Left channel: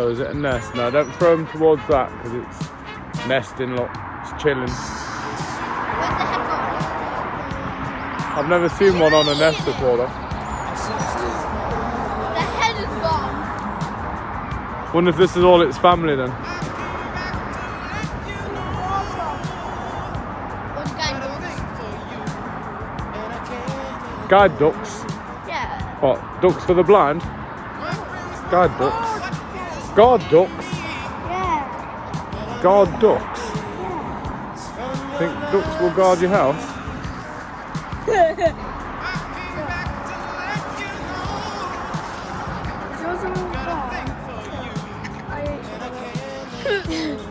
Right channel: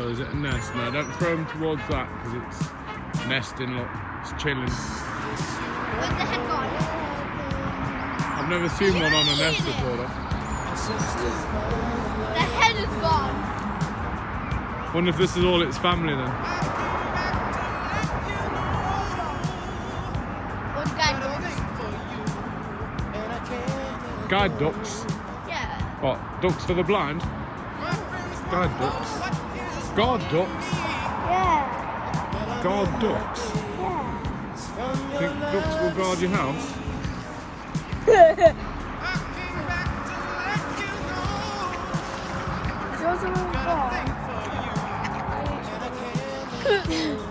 So is it a nest? No, don't throw them towards that because it's nesting, look, it's chilling. Where's the head gone? I've never seen one on a nest before though. The head is gone. Wonder if this is all its family then. What guide ducks? Guide ducks? Yeah. What? Ducks for the blind? Guide ducks? Guard ducks? Yeah. Guard ducks? Yeah. Think ducks will guard your house? Yours are all gone.